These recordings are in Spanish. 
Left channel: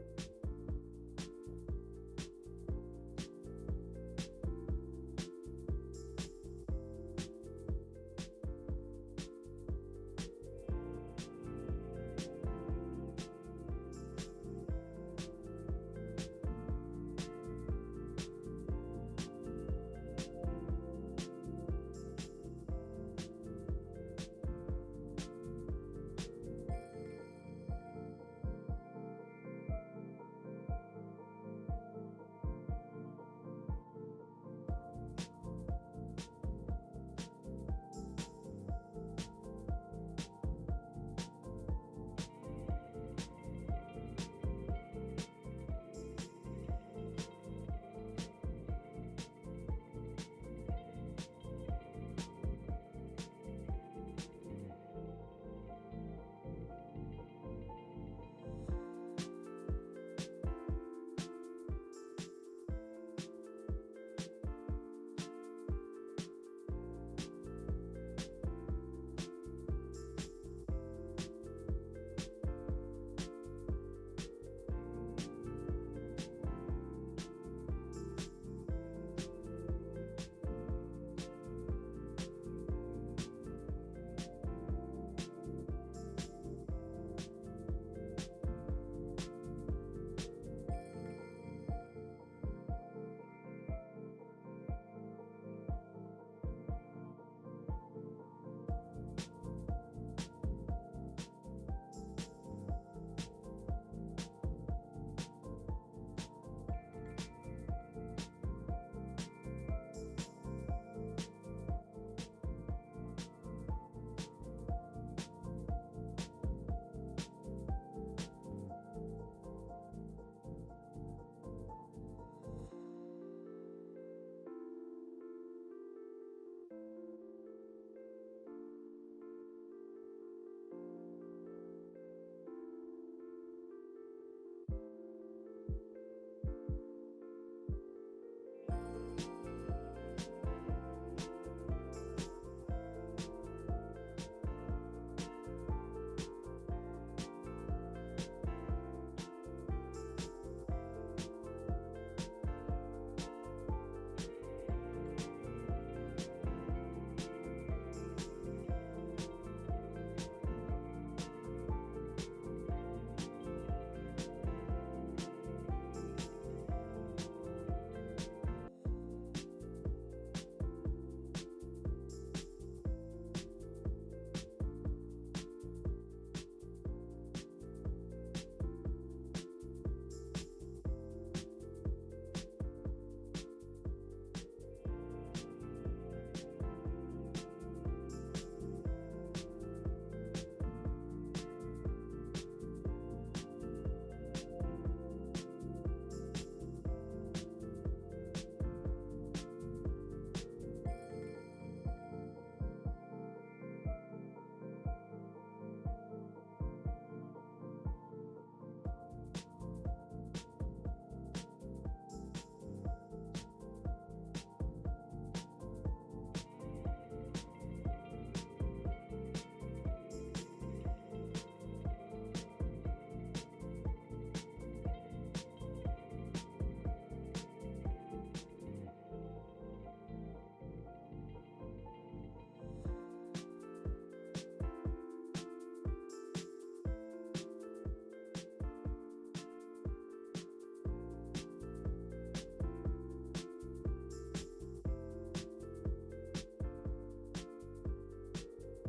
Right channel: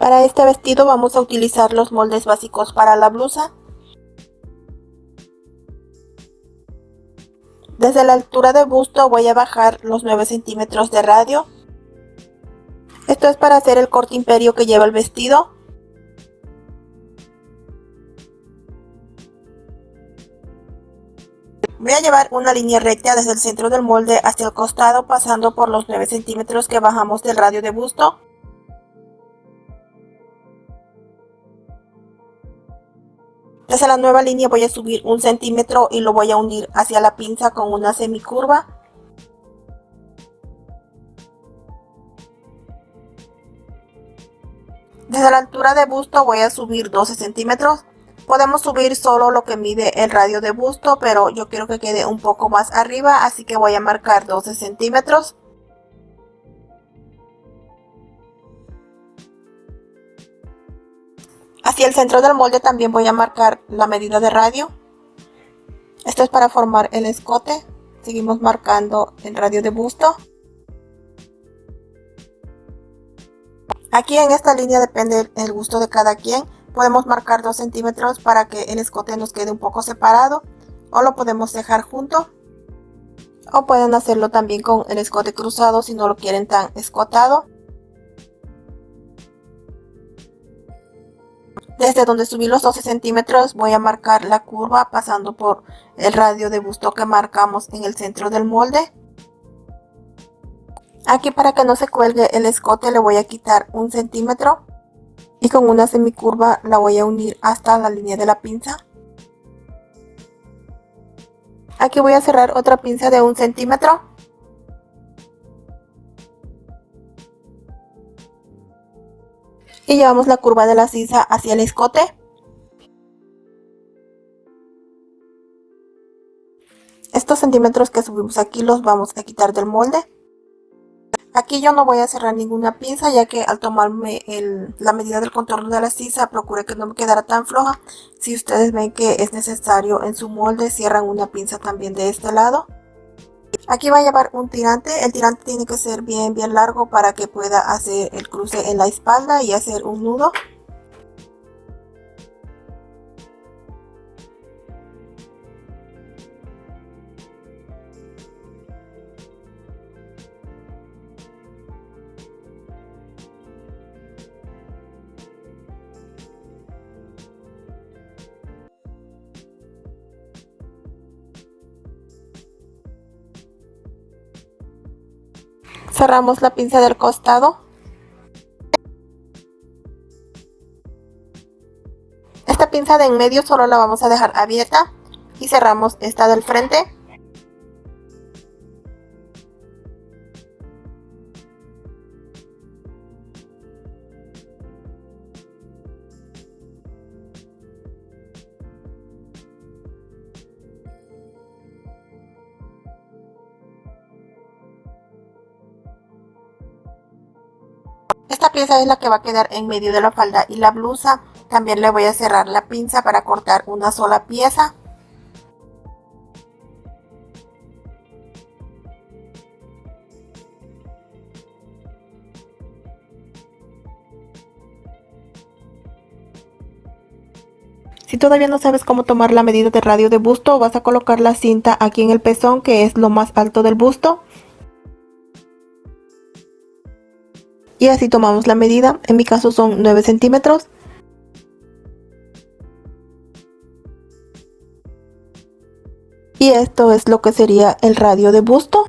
Para este vestido vamos a utilizar los moldes básicos para la blusa. Desde la altura de busto voy a bajar los 9 centímetros de radio. Esto es para hacer el corte imperio que lleva el vestido. Voy a llevar una línea recta desde el centro del molde hacia el costado, pasando por los 9 centímetros que bajamos del radio de busto. Desde la nueva línea voy a subir 1 centímetro y lo voy a unir hacia la pinza con una semicurva. Desde la altura de busto voy a subir 12 centímetros. Podemos subir solo lo que mide el radio de busto, pero yo quiero que quede un poco más arriba, así que voy a marcar 12 centímetros. Hacia el centro del molde también voy a marcar la medida de radio. Esto es para formar el escote. Seguimos marcando el radio de busto. Aquí en esta línea depende el gusto de cada quien. Podemos marcar 2 centímetros para que el escote nos quede un poco separado, o lo podemos dejar junto, o pueden hacerlo también con el escote cruzado si no lo quieren tan escotado. Desde donde subí los 12 centímetros voy a marcar la curva pasando por el radio de busto que marcamos en el centro del molde. Aquí, para que no se cuelgue el escote, le voy a quitar 1 centímetro y con una semicurva la voy a unir hasta la línea de la pinza. Aquí voy a cerrar otra pinza de 1 centímetro. Y llevamos la curva de la sisa hacia el escote. Estos centímetros que subimos aquí los vamos a quitar del molde. Aquí yo no voy a cerrar ninguna pinza, ya que al tomarme la medida del contorno de la sisa procuré que no me quedara tan floja. Si ustedes ven que es necesario en su molde, cierran una pinza también de este lado. Aquí va a llevar un tirante. El tirante tiene que ser bien largo para que pueda hacer el cruce en la espalda y hacer un nudo. Cerramos la pinza del costado. Esta pinza de en medio solo la vamos a dejar abierta y cerramos esta del frente. Esta pieza es la que va a quedar en medio de la falda y la blusa. También le voy a cerrar la pinza para cortar una sola pieza. Si todavía no sabes cómo tomar la medida de radio de busto, vas a colocar la cinta aquí en el pezón, que es lo más alto del busto. Y así tomamos la medida. En mi caso son 9 centímetros. Y esto es lo que sería el radio de busto.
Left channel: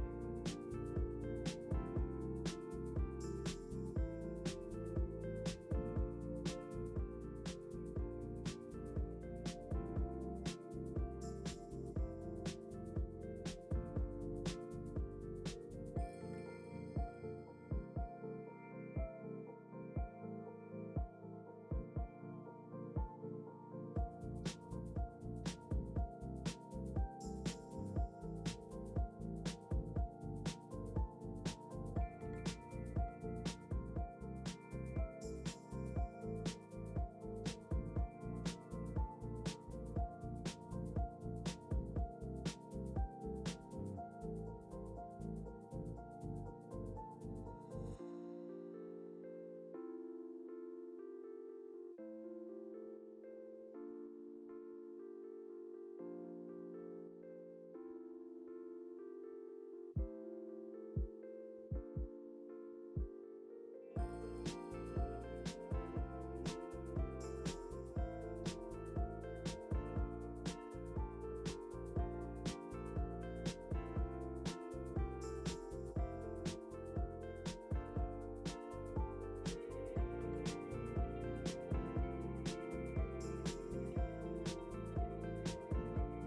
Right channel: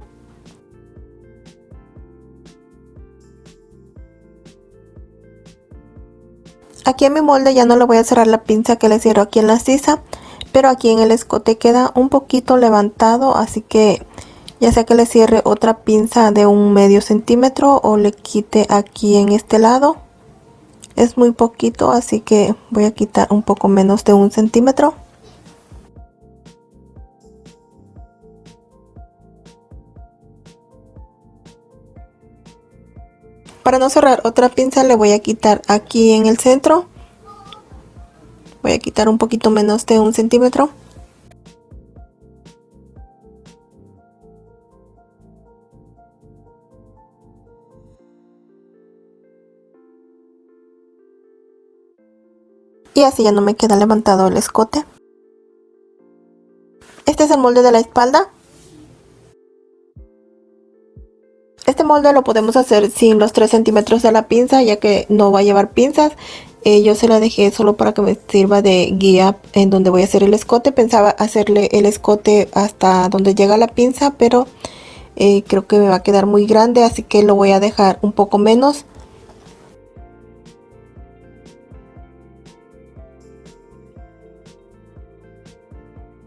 Aquí en mi molde ya no le voy a cerrar la pinza que le cierro aquí en la sisa, pero aquí en el escote queda un poquito levantado, así que ya sea que le cierre otra pinza de un medio centímetro o le quite aquí en este lado. Es muy poquito, así que voy a quitar un poco menos de 1 centímetro. Para no cerrar otra pinza le voy a quitar aquí en el centro. Voy a quitar un poquito menos de 1 centímetro. y así ya no me queda levantado el escote. Este es el molde de la espalda. Este molde lo podemos hacer sin los 3 centímetros de la pinza, ya que no va a llevar pinzas. Yo se la dejé solo para que me sirva de guía en donde voy a hacer el escote. Pensaba hacerle el escote hasta donde llega la pinza, pero creo que me va a quedar muy grande, así que lo voy a dejar un poco menos.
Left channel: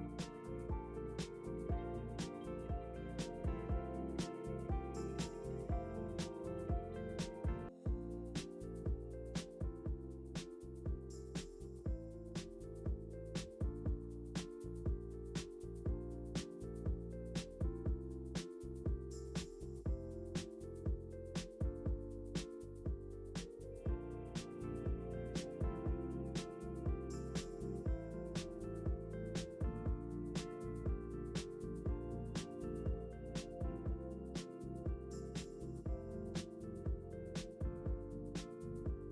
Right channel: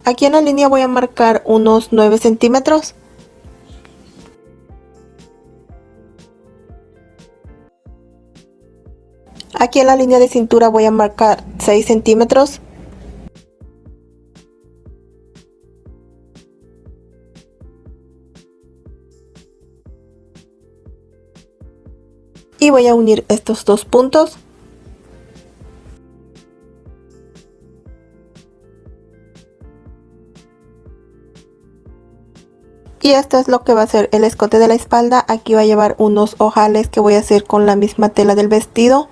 Aquí en la línea voy a marcar unos 9 centímetros. Aquí en la línea de cintura voy a marcar 6 centímetros. Y voy a unir estos dos puntos. Y esto es lo que va a ser el escote de la espalda. Aquí va a llevar unos ojales que voy a hacer con la misma tela del vestido.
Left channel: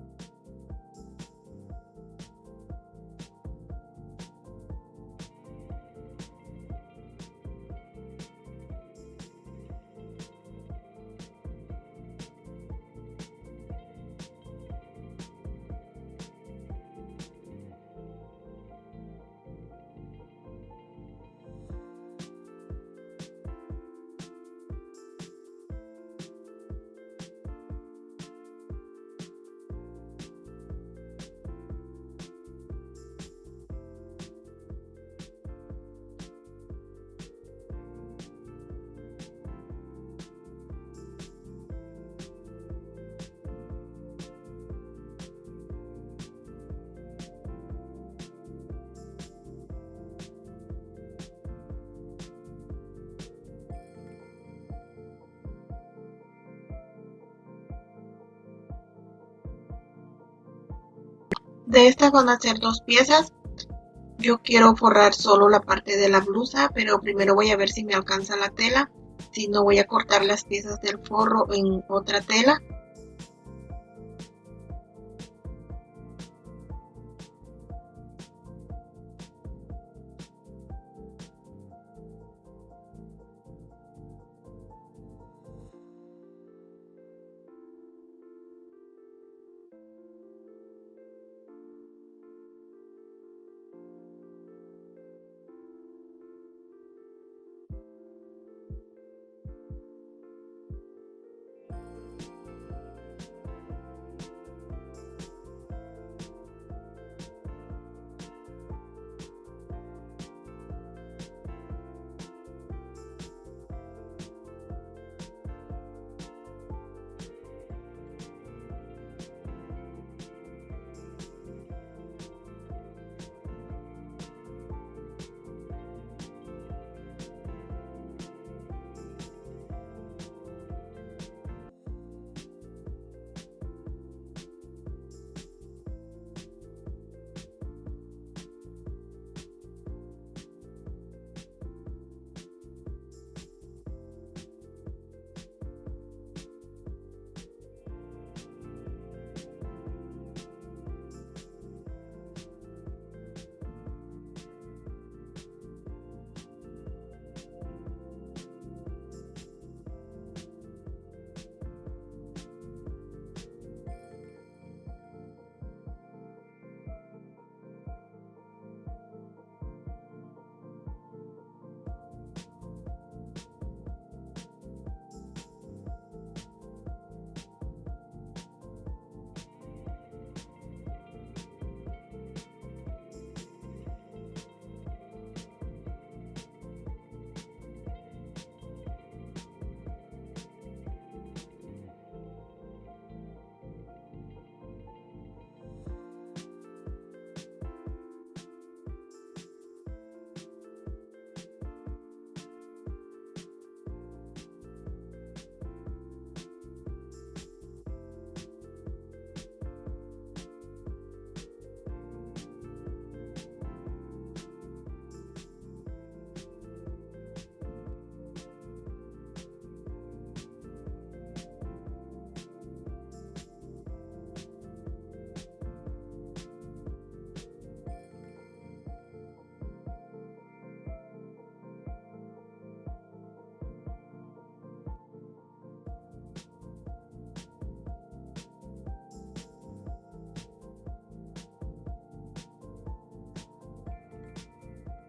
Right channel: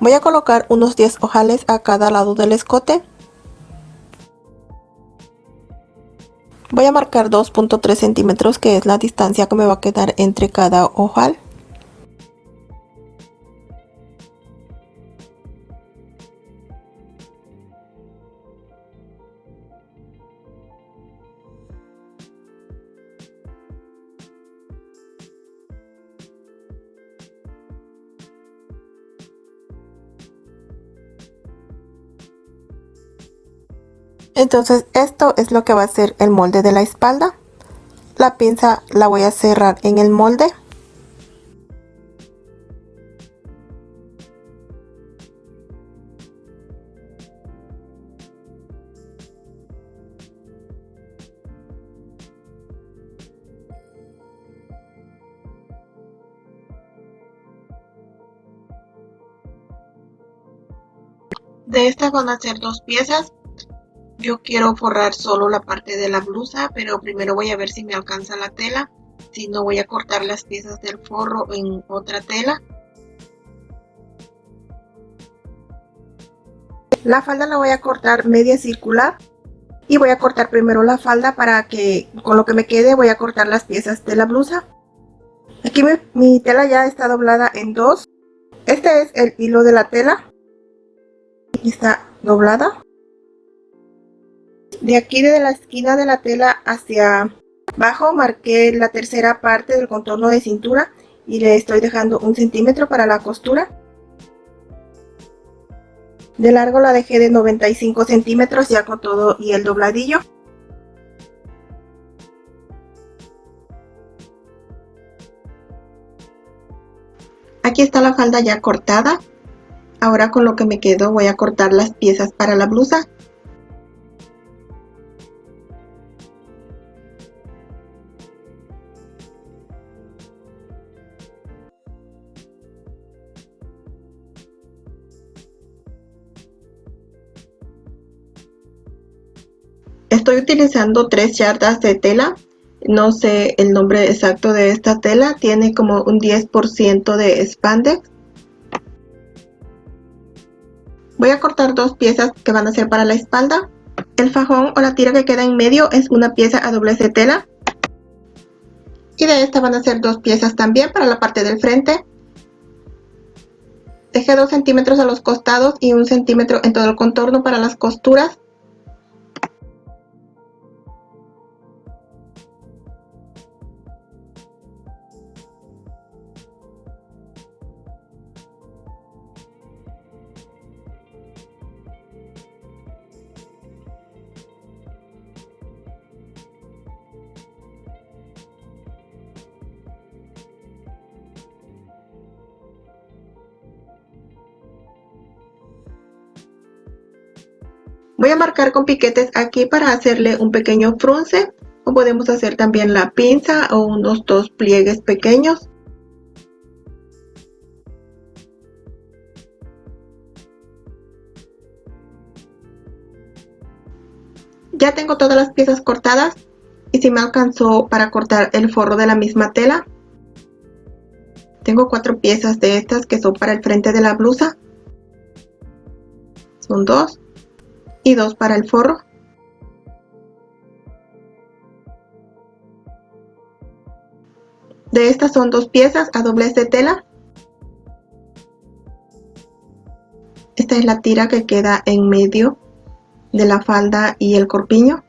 Voy a colocar unos 10 ojales a cada lado del escote. Voy a marcar 2.3 centímetros, que es la distancia que me va a quedar entre cada ojal. Entonces esto es lo que va a ser el molde de la espalda. La pinza la voy a cerrar en el molde. De estas van a ser dos piezas. Yo quiero forrar solo la parte de la blusa, pero primero voy a ver si me alcanza la tela. Si no, voy a cortar las piezas del forro en otra tela. La falda la voy a cortar media circular. Y voy a cortar primero la falda para que con lo que me quede voy a cortar las piezas de la blusa. Aquí mi tela ya está doblada en dos. Este es el hilo de la tela. Aquí está doblada. De aquí desde la esquina de la tela hacia abajo marqué la tercera parte del contorno de cintura y le estoy dejando 1 centímetro para la costura. De largo la dejé de 95 centímetros ya con todo y el dobladillo. Aquí está la falda ya cortada. Ahora con lo que me quedo voy a cortar las piezas para la blusa. Estoy utilizando 3 yardas de tela. No sé el nombre exacto de esta tela. Tiene como un 10% de spandex. Voy a cortar dos piezas que van a ser para la espalda. El fajón o la tira que queda en medio es una pieza a doblez de tela. Y de esta van a ser dos piezas también para la parte del frente. Dejé 2 centímetros a los costados y 1 centímetro en todo el contorno para las costuras. Voy a marcar con piquetes aquí para hacerle un pequeño frunce, o podemos hacer también la pinza o unos 2 pliegues pequeños. Ya tengo todas las piezas cortadas y si me alcanzó para cortar el forro de la misma tela. Tengo 4 piezas de estas que son para el frente de la blusa. Son 2 y 2 para el forro. De estas son 2 piezas a doblez de tela. Esta es la tira que queda en medio de la falda y el corpiño.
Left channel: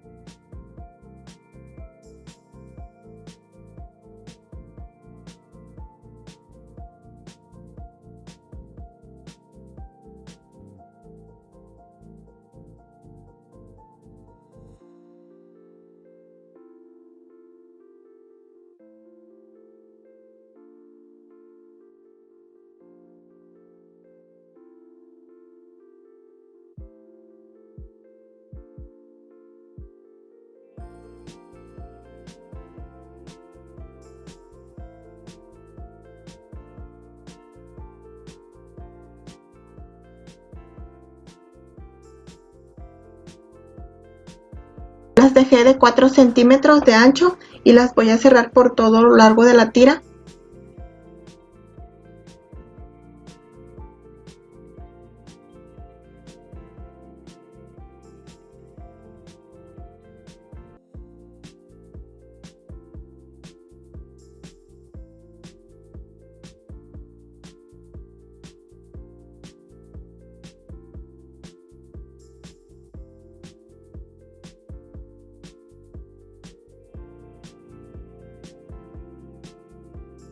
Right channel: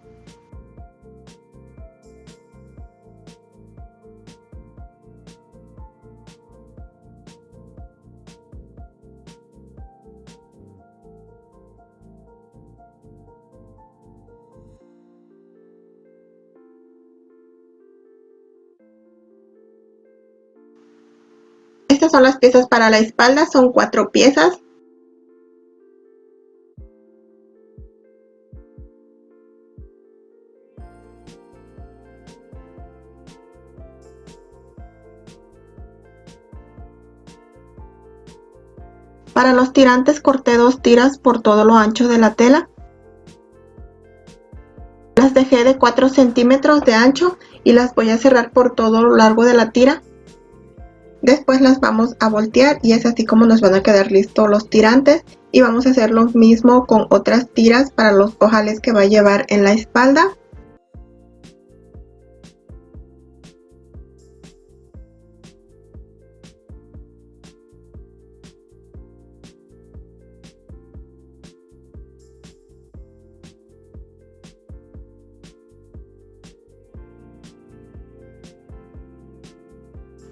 Estas son las piezas para la espalda, son 4 piezas. Para los tirantes corté 2 tiras por todo lo ancho de la tela. Las dejé de 4 centímetros de ancho y las voy a cerrar por todo lo largo de la tira. Después las vamos a voltear y es así como nos van a quedar listos los tirantes. Y vamos a hacer lo mismo con otras tiras para los ojales que va a llevar en la espalda.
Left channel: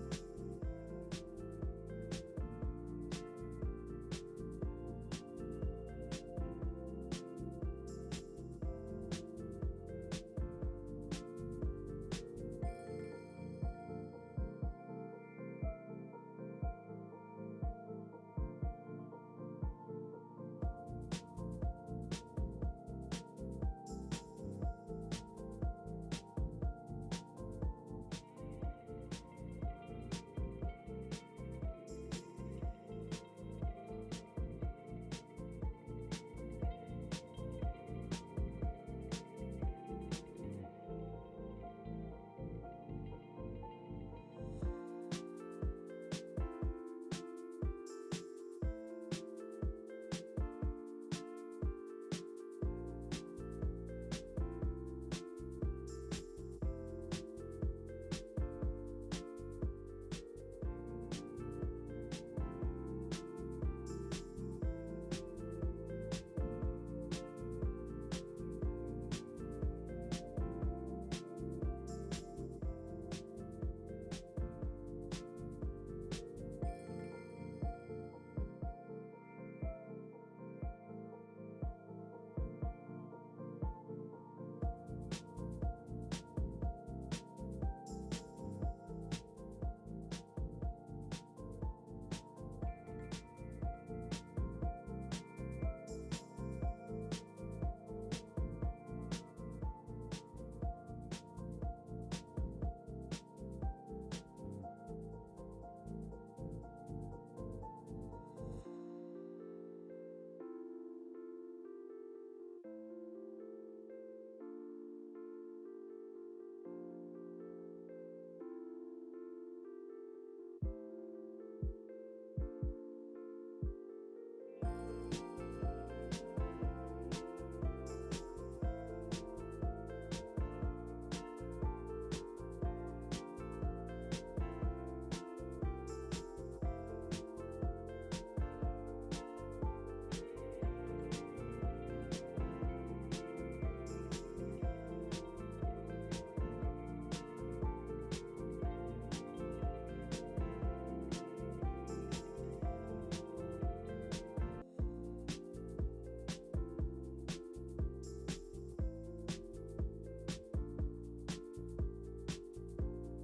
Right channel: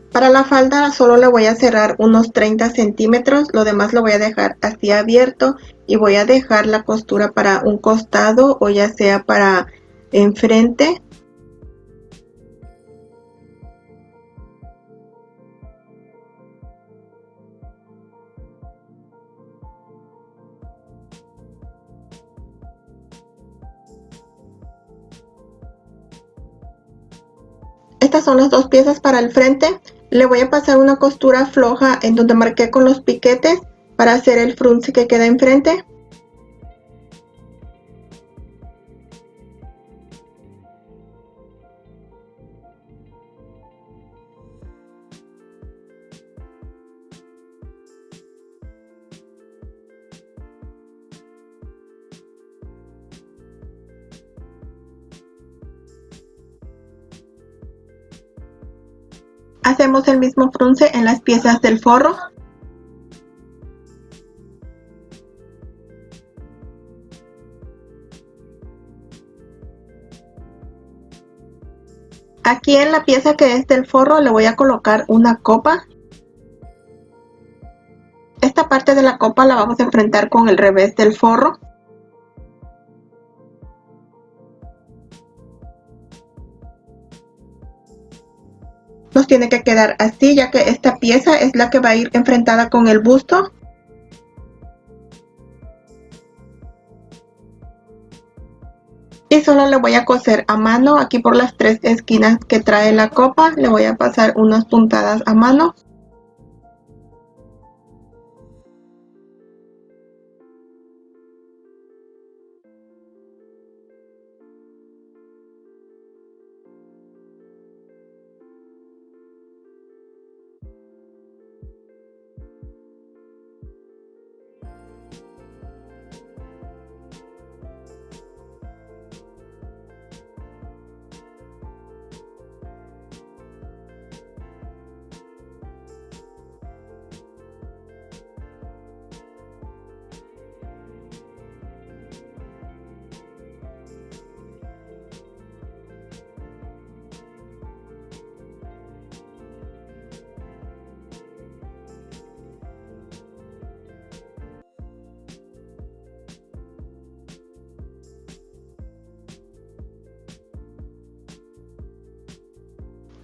Para la falda solo le voy a cerrar unos 30 centímetros, lo demás lo voy a dejar así abierto y voy a dejar la costura para un costado o ya sea para enfrente. Estas son las 2 piezas para el frente. Le voy a pasar una costura floja en donde marqué con los piquetes para hacer el frunce que queda enfrente. Hacemos el mismo frunce en las piezas del forro. Aquí en la pieza que es del forro le voy a colocar una copa. Esta parte de la copa la vamos a enfrentar con el revés del forro. Nos tiene que quedar así, ya que esta pieza es la que va a ir enfrentada con el busto. Y solo le voy a coser a mano aquí por las 3 esquinas que trae la copa. Le voy a pasar unas puntadas a mano.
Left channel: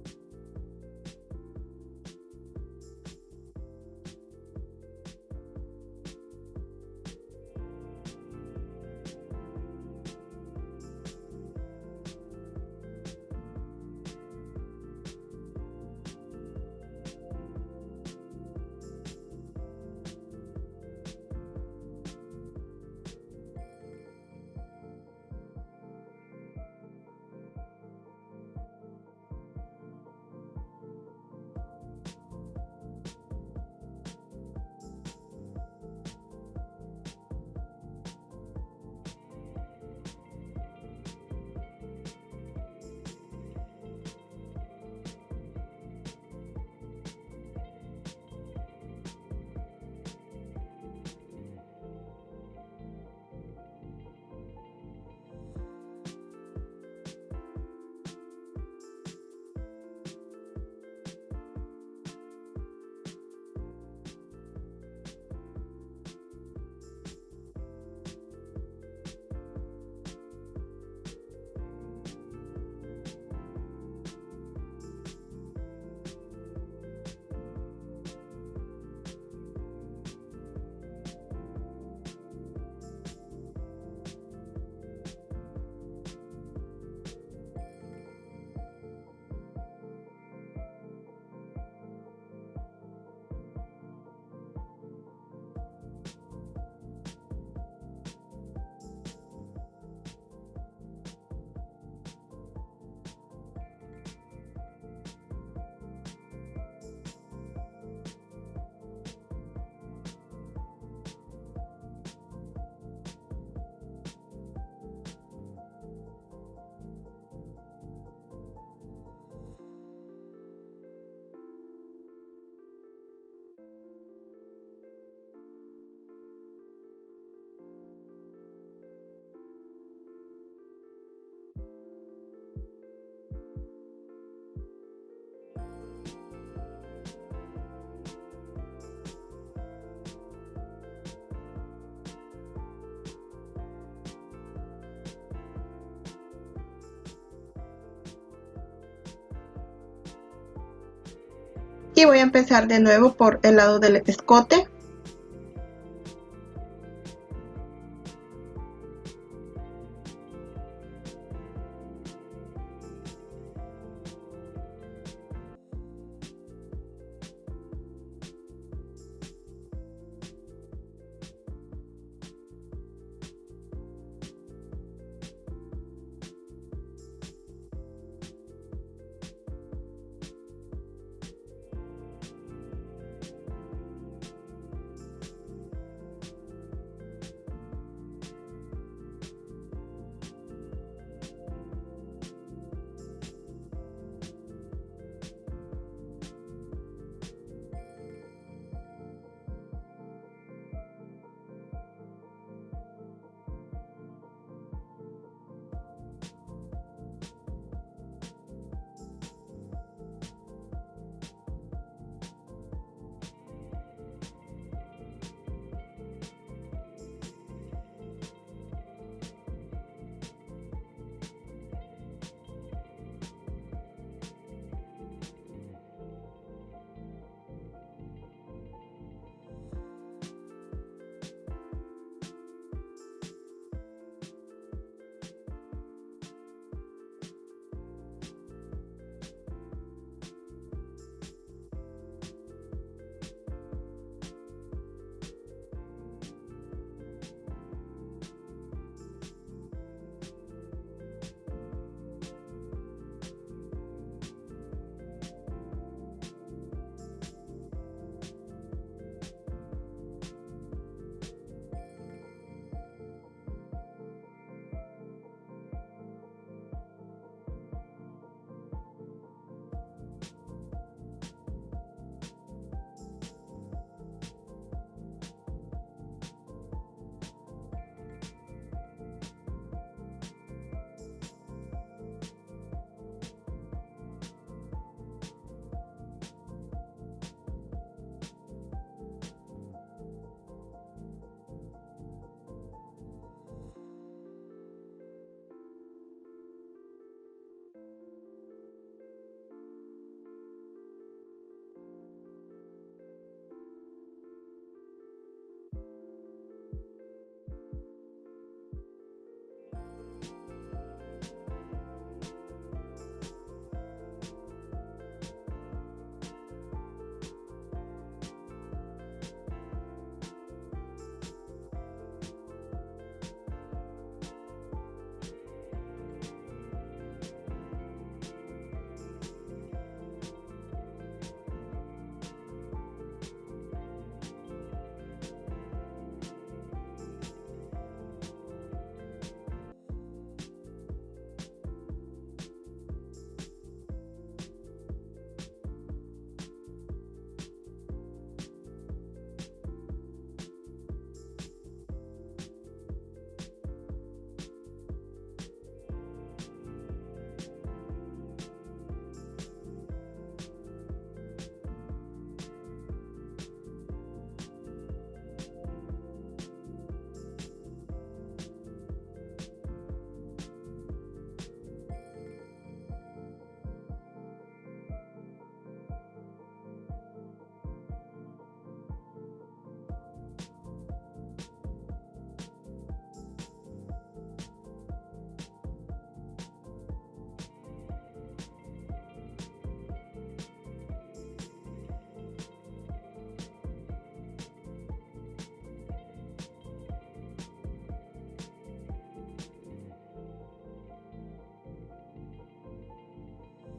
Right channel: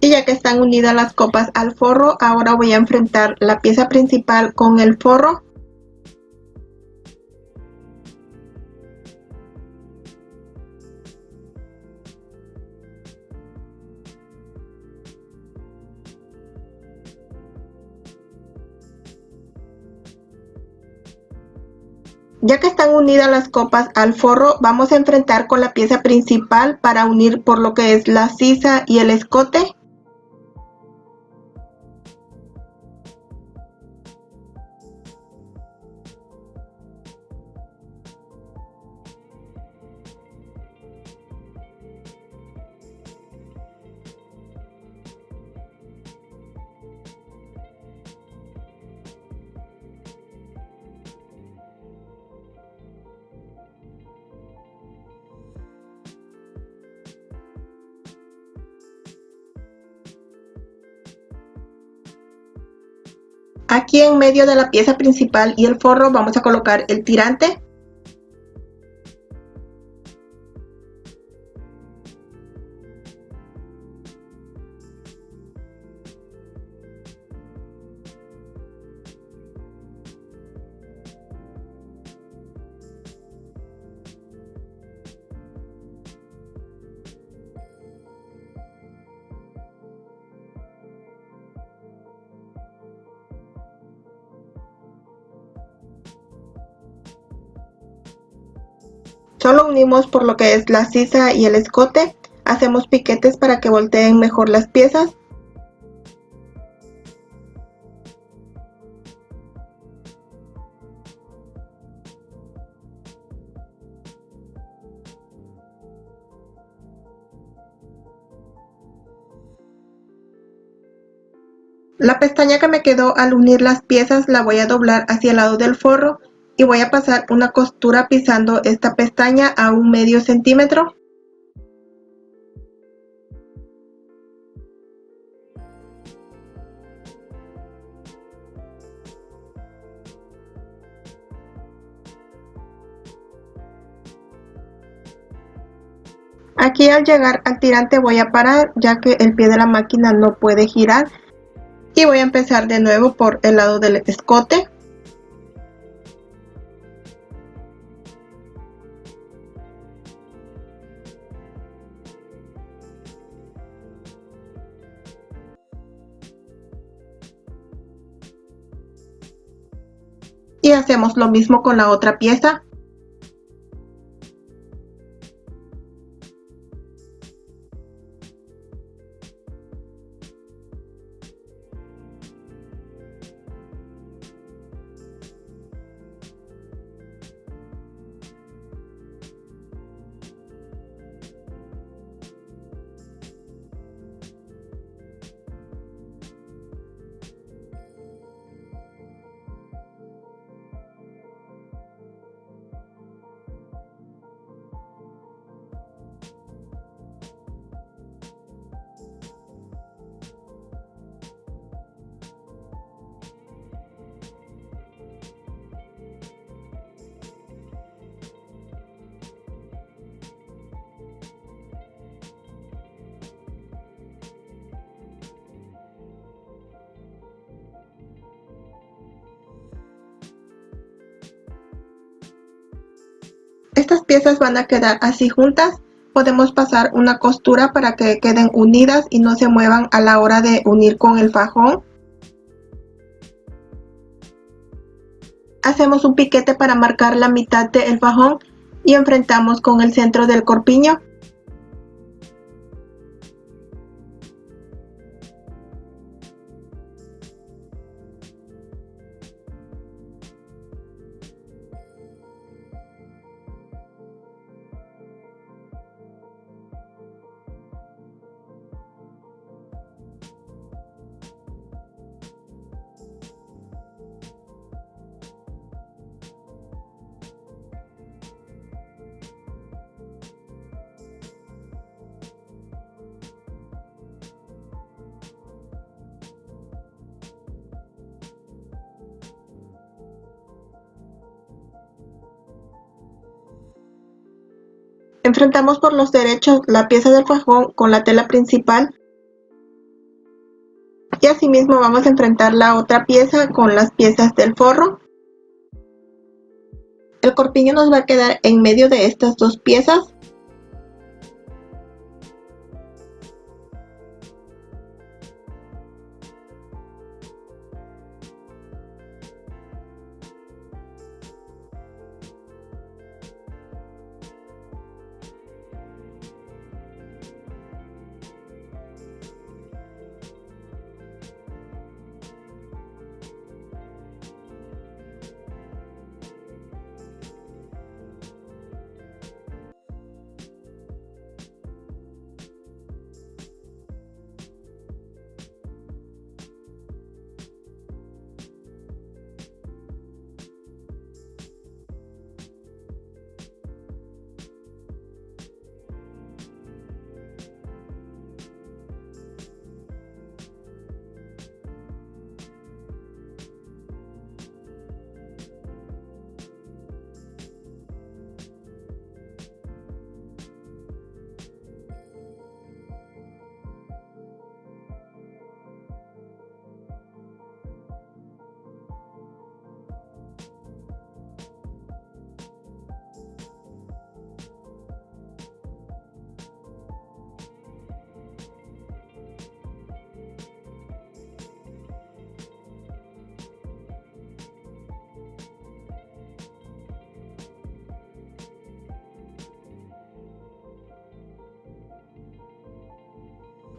Y ya que están unidas las copas al forro, ahora voy a enfrentar la pieza principal con el forro. Ya que están unidas las copas al forro, vamos a enfrentar con la pieza principal para unir por lo que es la sisa y el escote. Aquí en medio de la pieza principal y el forro vamos a colocar el tirante. Solo unimos por lo que es la sisa y el escote. Hacemos piquetes para que volteen mejor las piezas. La pestaña que me quedó al unir las piezas la voy a doblar hacia el lado del forro y voy a pasar una costura pisando esta pestaña a un medio centímetro. Aquí al llegar al tirante voy a parar ya que el pie de la máquina no puede girar y voy a empezar de nuevo por el lado del escote. Y hacemos lo mismo con la otra pieza. Estas piezas van a quedar así juntas. Podemos pasar una costura para que queden unidas y no se muevan a la hora de unir con el fajón. Hacemos un piquete para marcar la mitad del fajón y enfrentamos con el centro del corpiño. Enfrentamos por los derechos la pieza del fajón con la tela principal y asimismo vamos a enfrentar la otra pieza con las piezas del forro. El corpiño nos va a quedar en medio de estas dos piezas.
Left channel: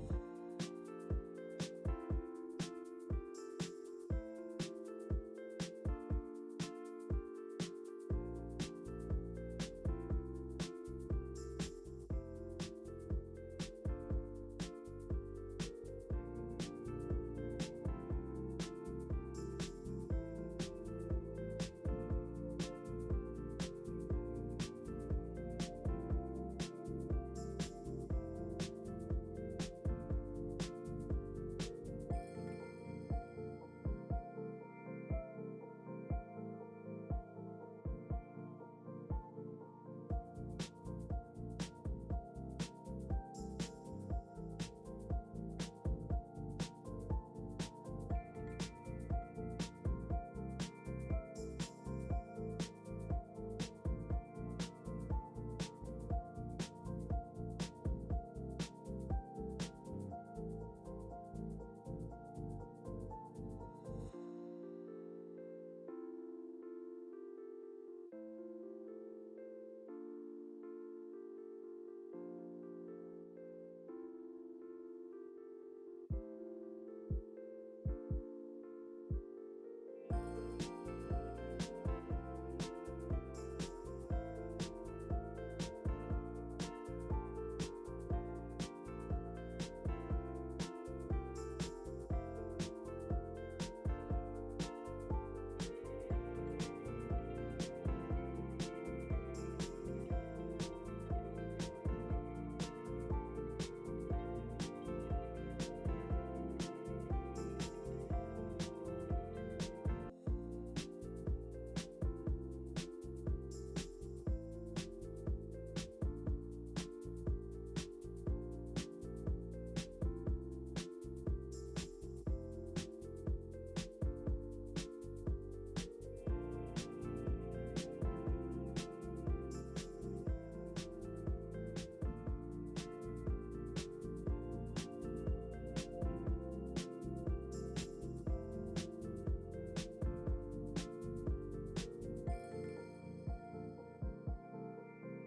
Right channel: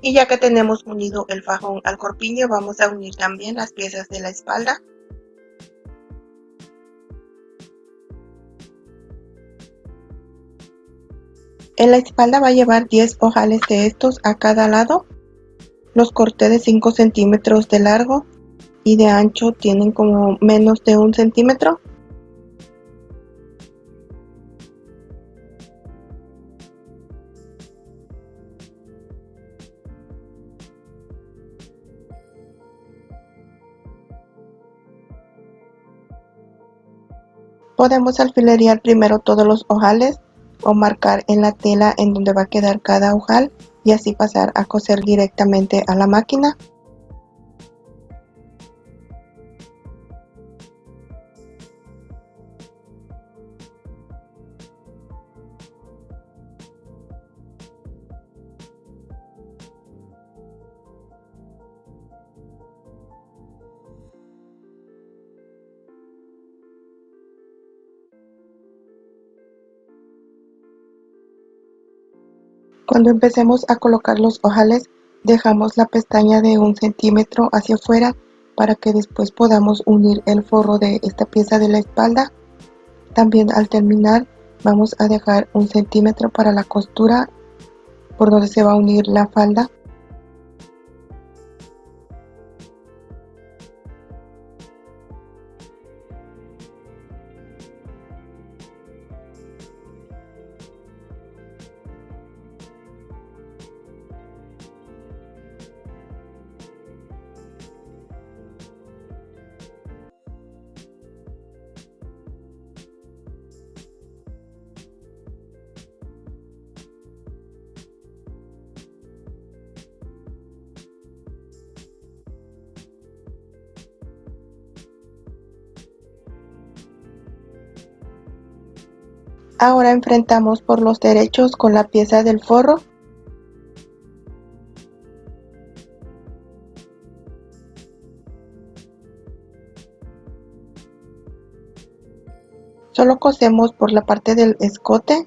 Y ya que tenemos unido el fajón al corpiño, vamos a unir también las piezas de la espalda. En la espalda va a llevar 10 ojales de estos a cada lado. Los corté de 5 centímetros de largo y de ancho tienen como menos de 1 centímetro. Podemos alfilerear primero todos los ojales o marcar en la tela en donde va a quedar cada ojal y así pasar a coser directamente a la máquina. Cuando empecemos a colocar los ojales, dejamos la pestaña de 1 centímetro hacia afuera para que después podamos unir el forro de esta pieza de la espalda. También al terminar vamos a dejar 1 centímetro para la costura por donde se va a unir la falda. Ahora enfrentamos por los derechos con la pieza del forro. Solo cosemos por la parte del escote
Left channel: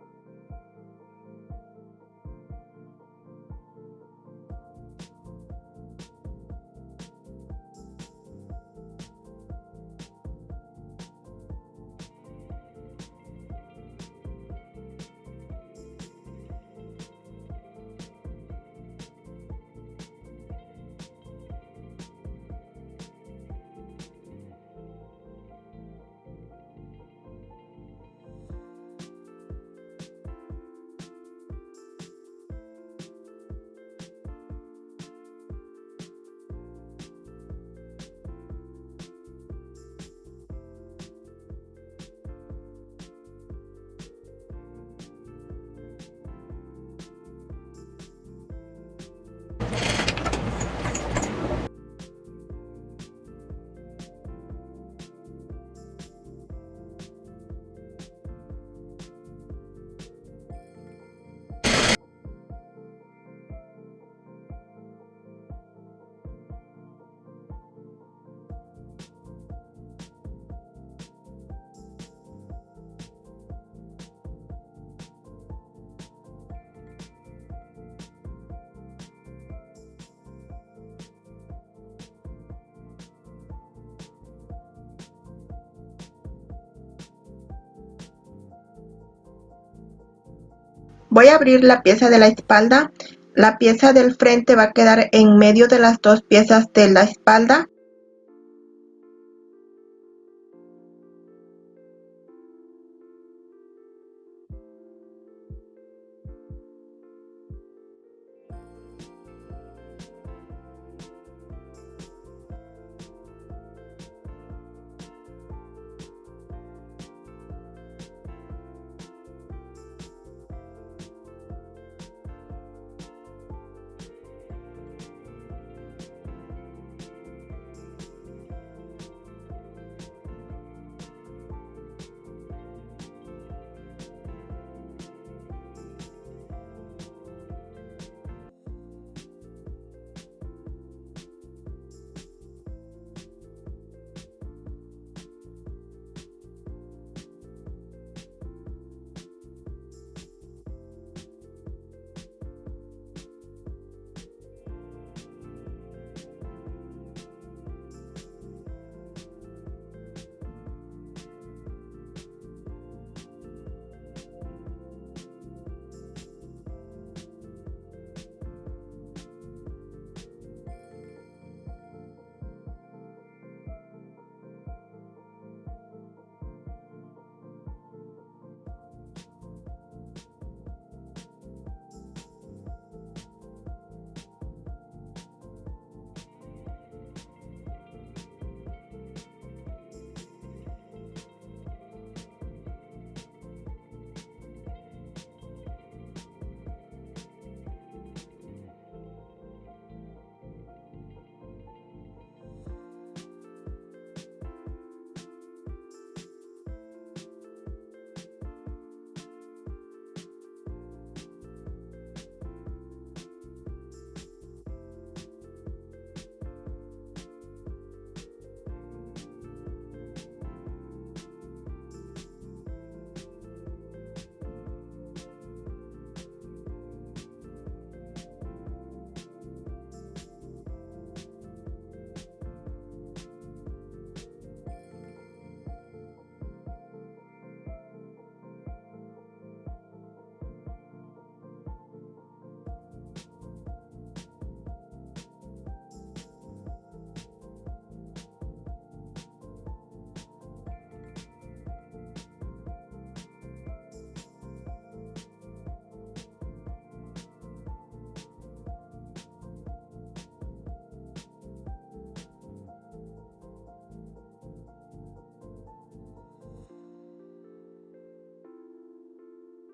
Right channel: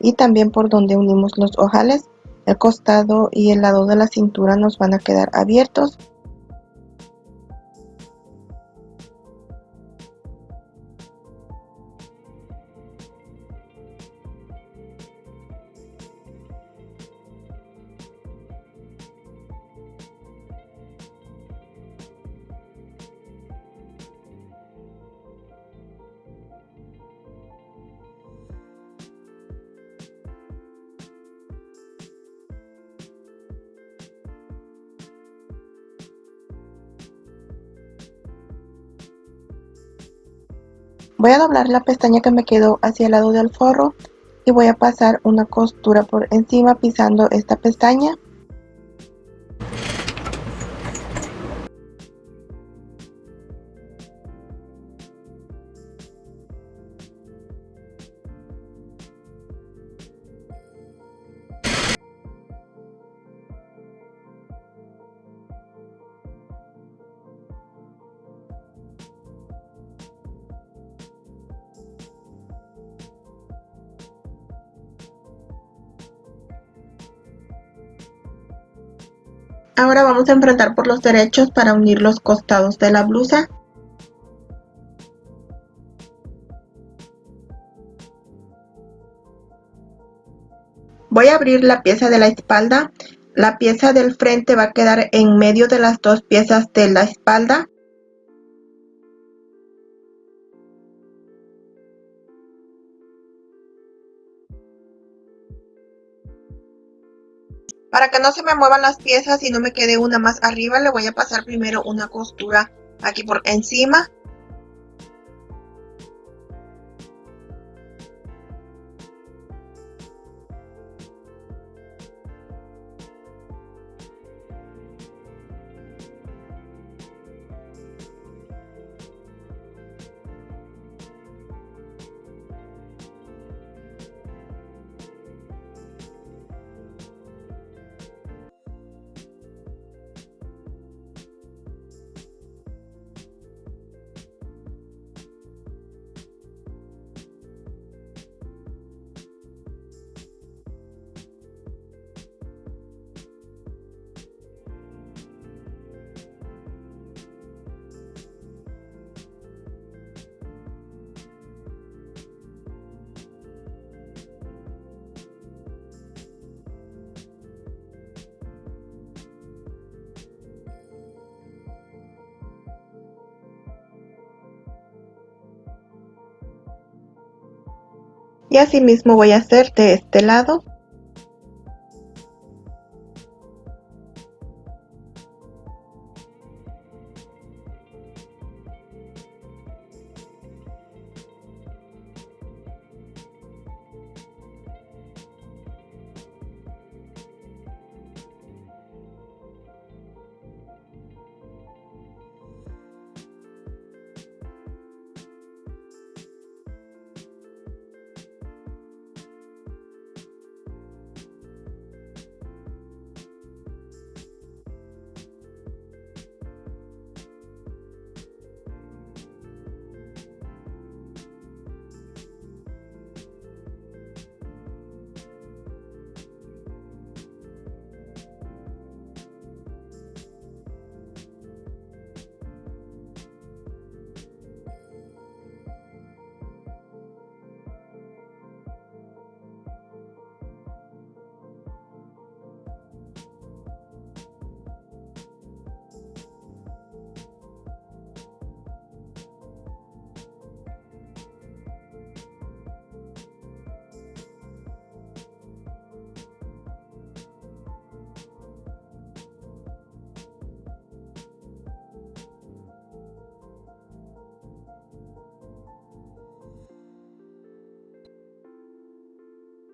y también por donde unimos los ojales. El costado y el lado de la cintura nos van a quedar abiertos. Voy a doblar la pestaña que me quedó hacia el lado del forro y voy a pasar una costura por encima pisando esta pestaña. Ahora vamos a enfrentar por los derechos para unir los costados de la blusa. Voy a abrir la pieza de la espalda. La pieza del frente va a quedar en medio de las dos piezas de la espalda. Para que no se me muevan las piezas y no me quede una más arriba, le voy a pasar primero una costura aquí por encima. Y así mismo voy a hacer de este lado.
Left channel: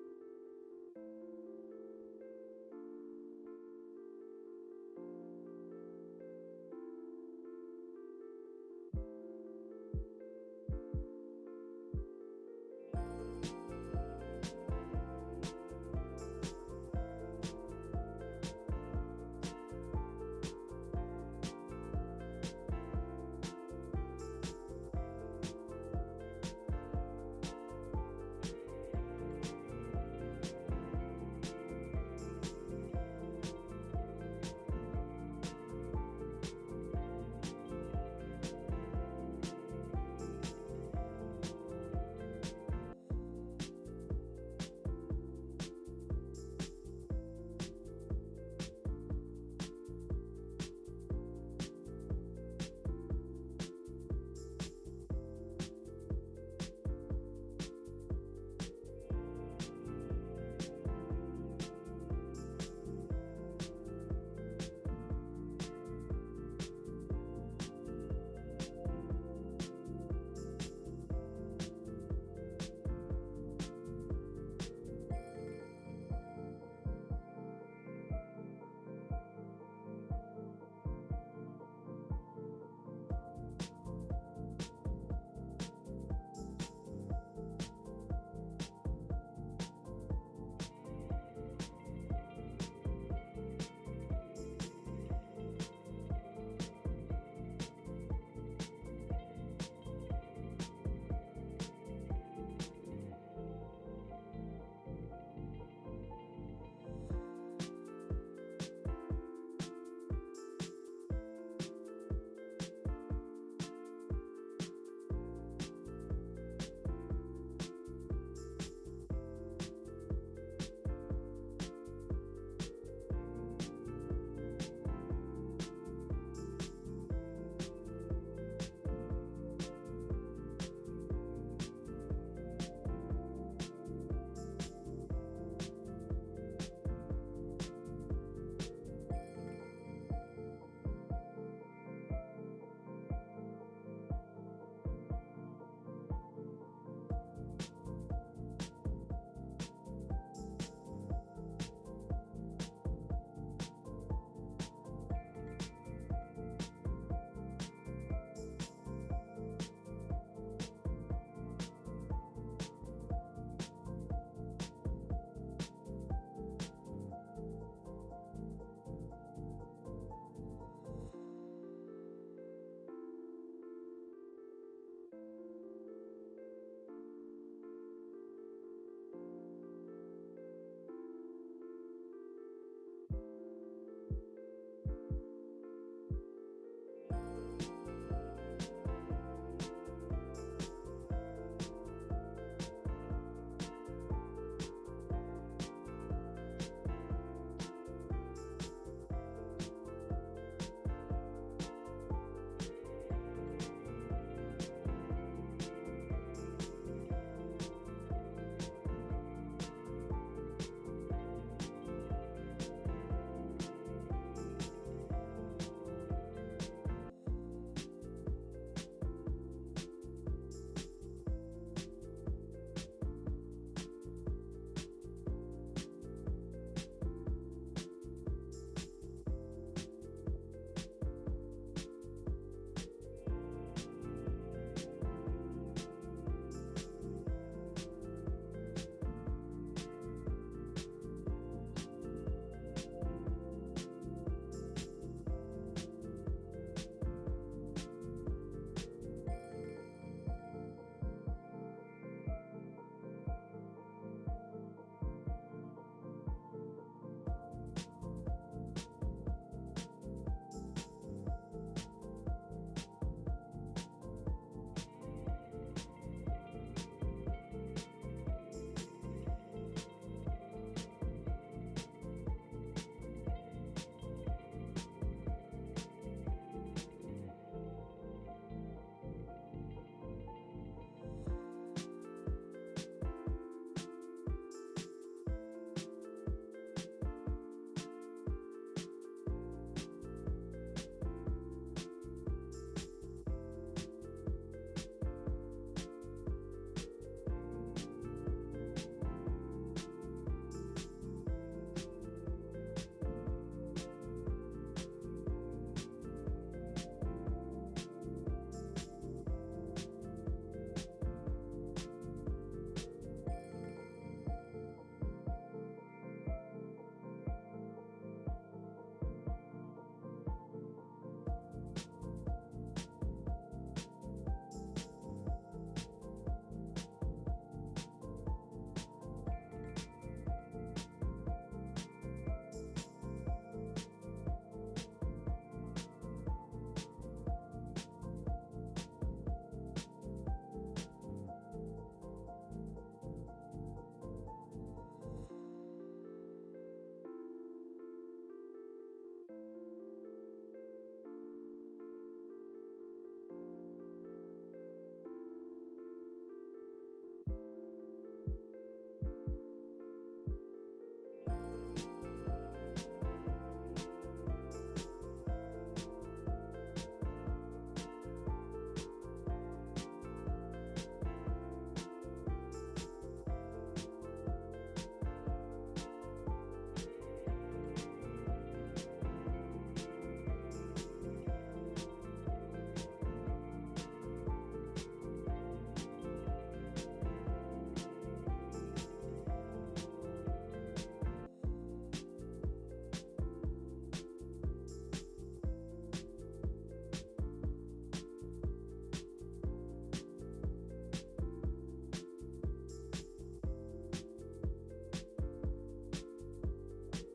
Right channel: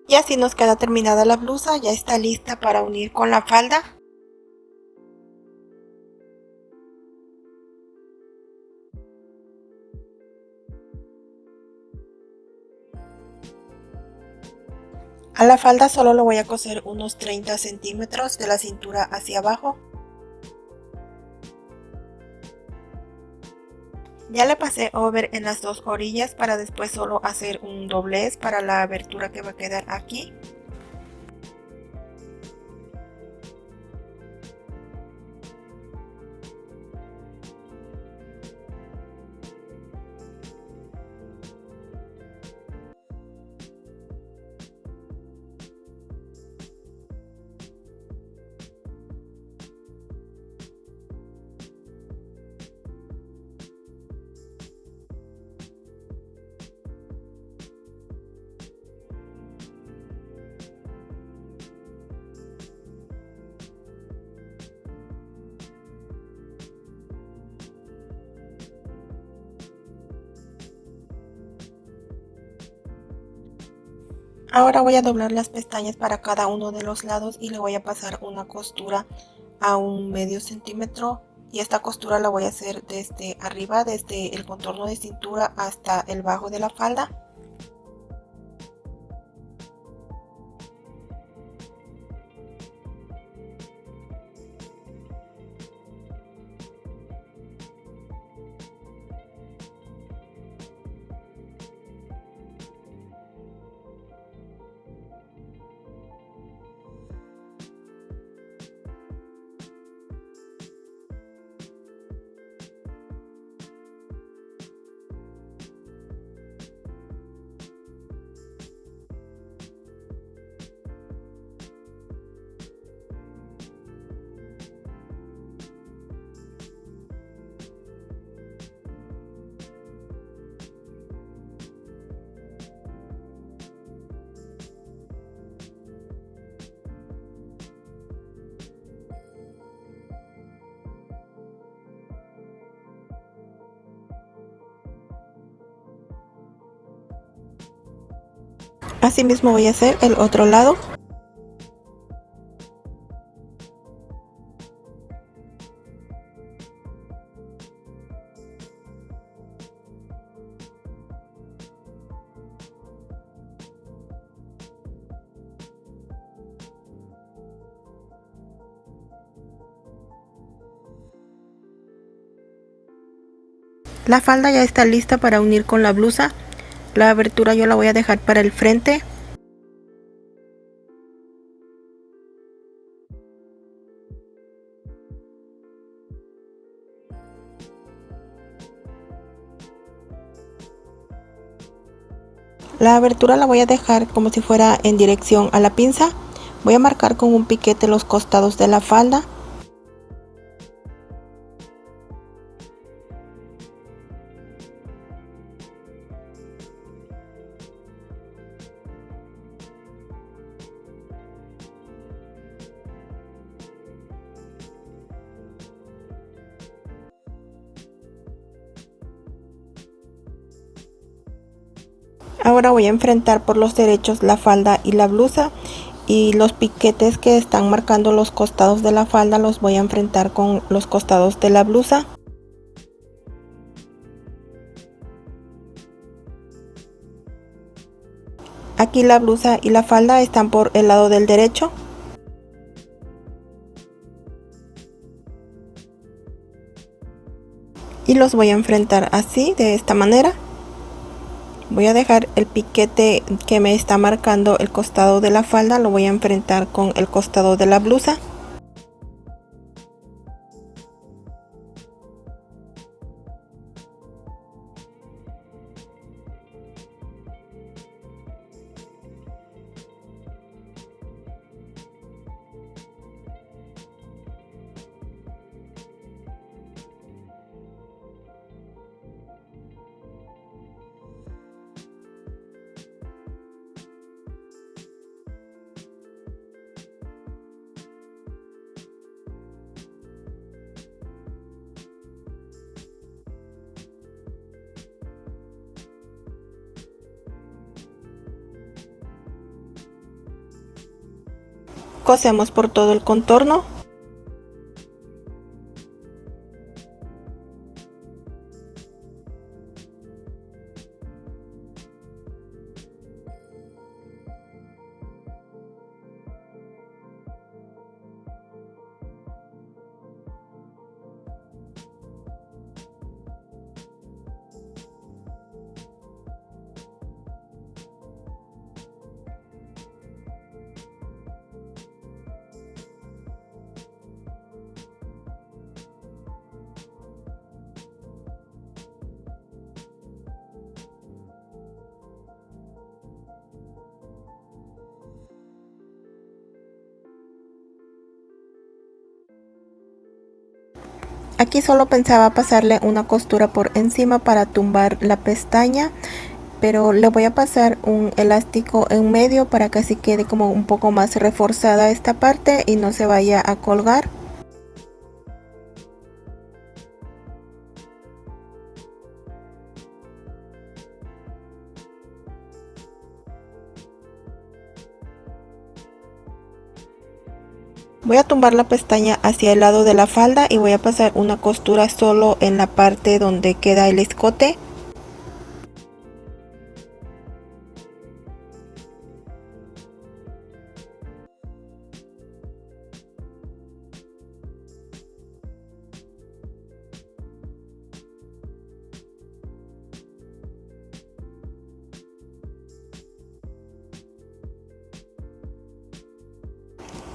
Y así nos queda terminada la blusa, ya está lista para unir con la falda. A la falda solo lo voy a coser unos 30 centímetros de la cintura hacia abajo. Ya le pasé over en las dos orillas para después solo hacer un doblez para la abertura que va a quedar aquí. Ahora voy a doblar las pestañas para cada uno de los lados y le voy a pasar una costura a un medio centímetro, y esta costura la voy a hacer desde arriba, desde el contorno de cintura hasta el bajo de la falda. Asimismo voy a hacer el otro lado. La falda ya está lista para unir con la blusa. La abertura yo la voy a dejar para el frente. La abertura la voy a dejar como si fuera en dirección a la pinza. Voy a marcar con un piquete los costados de la falda. Ahora voy a enfrentar por los derechos la falda y la blusa, y los piquetes que están marcando los costados de la falda los voy a enfrentar con los costados de la blusa. Aquí la blusa y la falda están por el lado del derecho. Y los voy a enfrentar así, de esta manera. Voy a dejar el piquete que me está marcando el costado de la falda, lo voy a enfrentar con el costado de la blusa. Cosemos por todo el contorno. Aquí solo pensaba pasarle una costura por encima para tumbar la pestaña, pero le voy a pasar un elástico en medio para que así quede como un poco más reforzada esta parte y no se vaya a colgar. Voy a tumbar la pestaña hacia el lado de la falda y voy a pasar una costura solo en la parte donde queda el escote.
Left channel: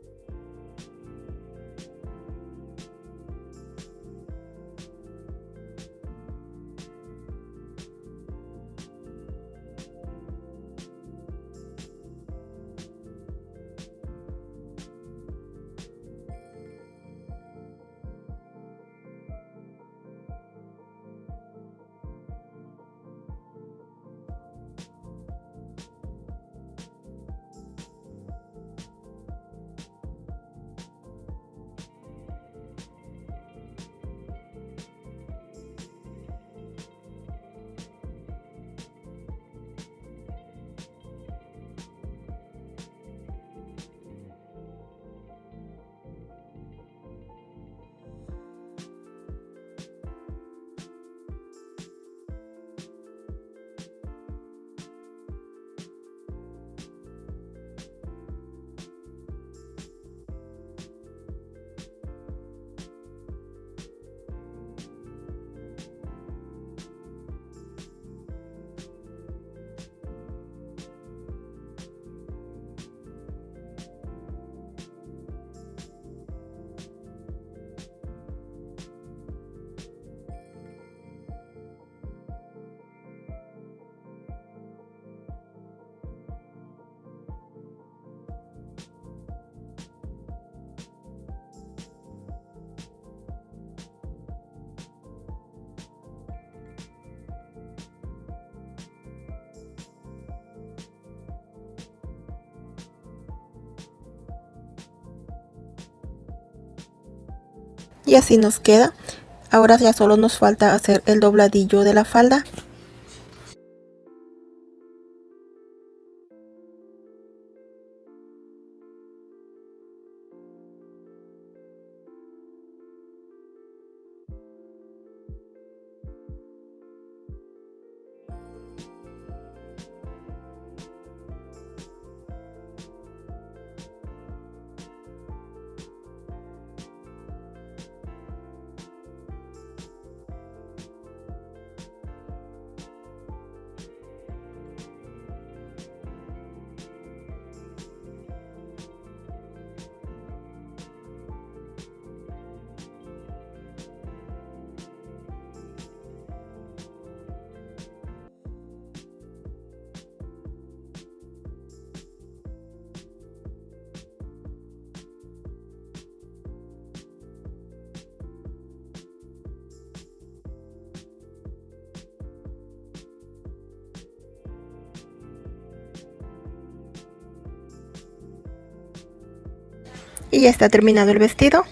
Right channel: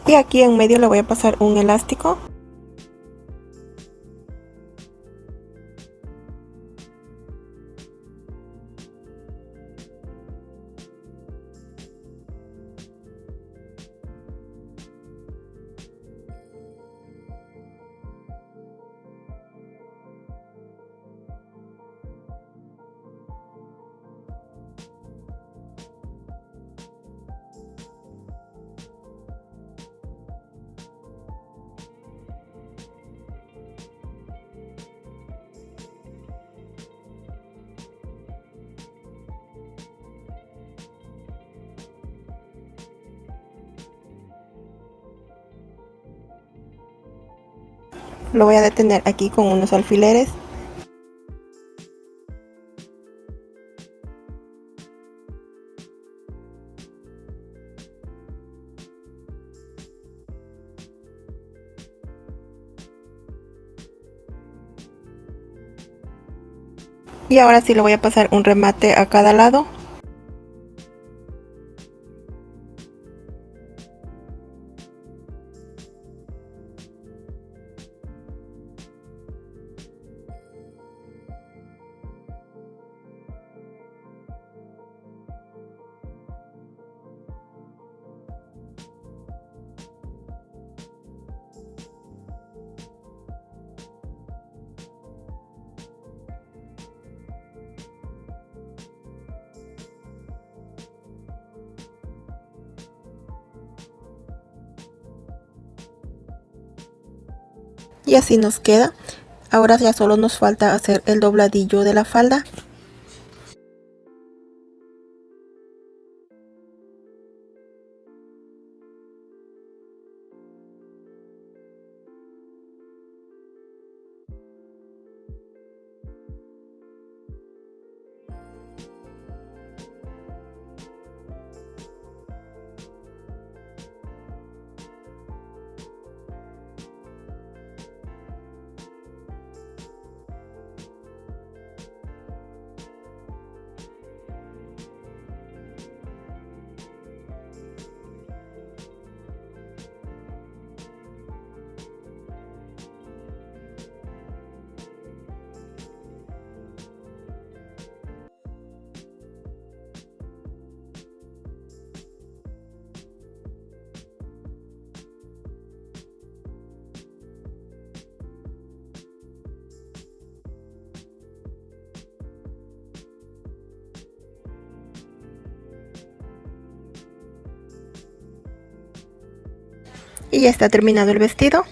Y aquí en medio le voy a pasar un elástico. Lo voy a detener aquí con unos alfileres. Y ahora sí le voy a pasar un remate a cada lado. Y así nos queda. Ahora ya solo nos falta hacer el dobladillo de la falda. Y ya está terminado el vestido.